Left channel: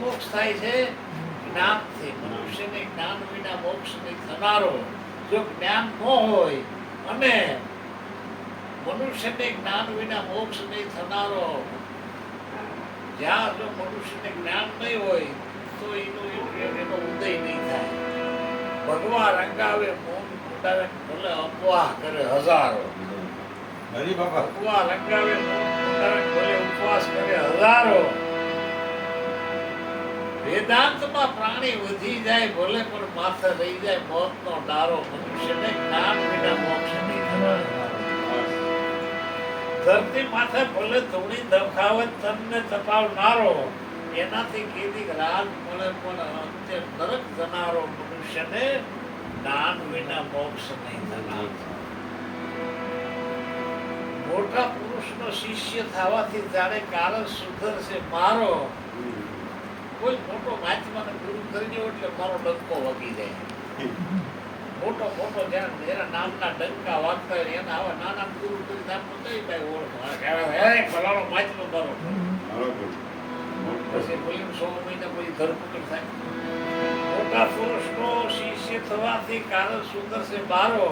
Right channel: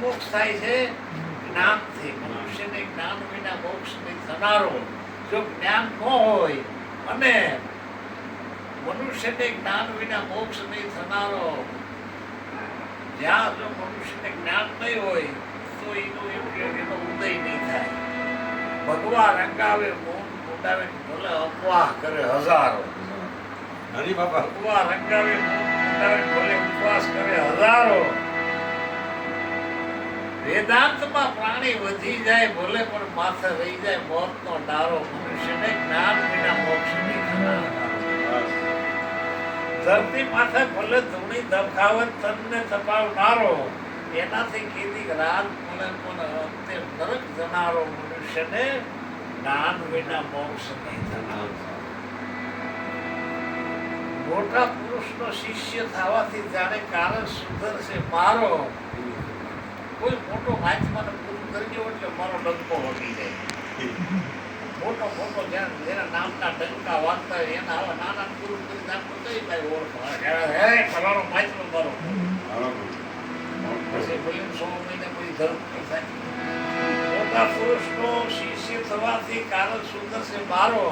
મોક્ષ થાય છે જ્ઞાનથી. મનુષ્યને જ્ઞાન વિના મોક્ષ નહીં થનારો. જો જ્ઞાન ન હોય અને મનુષ્યને જ્ઞાન વિના મોક્ષ નહીં થનારો, જ્યાં જો મનુષ્યને જ્ઞાન નહીં હોય તો એનો ઉદય નહીં થાય. ભગવાન રંગાવે મોન મોટાવે ભલે અપવાહ કરે હજારો, ભગવાન રંગાવે મોન મોટાવે ભલે ઉપવાસ કરે હજારો. વેદાંતમાં પ્રાણી વધી જાય ભલે પણ માથે રહી જાય મોતનો ડારો. મનુષ્યને જ્ઞાન વિના મોક્ષ નહીં થનારો. ધરતી માથે ભલે ધૂણી ધબકાવત તનને તપાવનારો, એનાથી કીધી રાજ મળે પણ અંતે નરક જનારો. મનુષ્યને જ્ઞાન વિના મોક્ષ નહીં થનારો. મોટા પુરુષનો શિષ્ય થવાથી જાણે કારણ સુધરશે મારો. કોઈ મોટો મહાત્માને ગુરુ કરજો એટલે મારો ડંકો વગી જાય. મોટો મોટો જ્યાં એના નામના ડંકા વાગતા હોય એના આવા નાના ગુરુ કરી નામ કઈ ભાઈ ઓળખ ફલાણો મહાત્મા મારો. પછી બોલીને 100 મહિને કોઈ ધર્મ થાય. મોટા પુરુષનો શિષ્ય થવાથી કારણ સુધરશે મારો.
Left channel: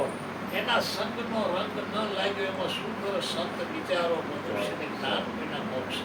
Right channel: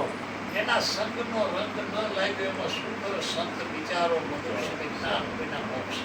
એના સંગનો રંગ ન લાગ્યો એમાં સુંદર સંત વિચારો. મનુષ્યને જ્ઞાન વિના મોક્ષ.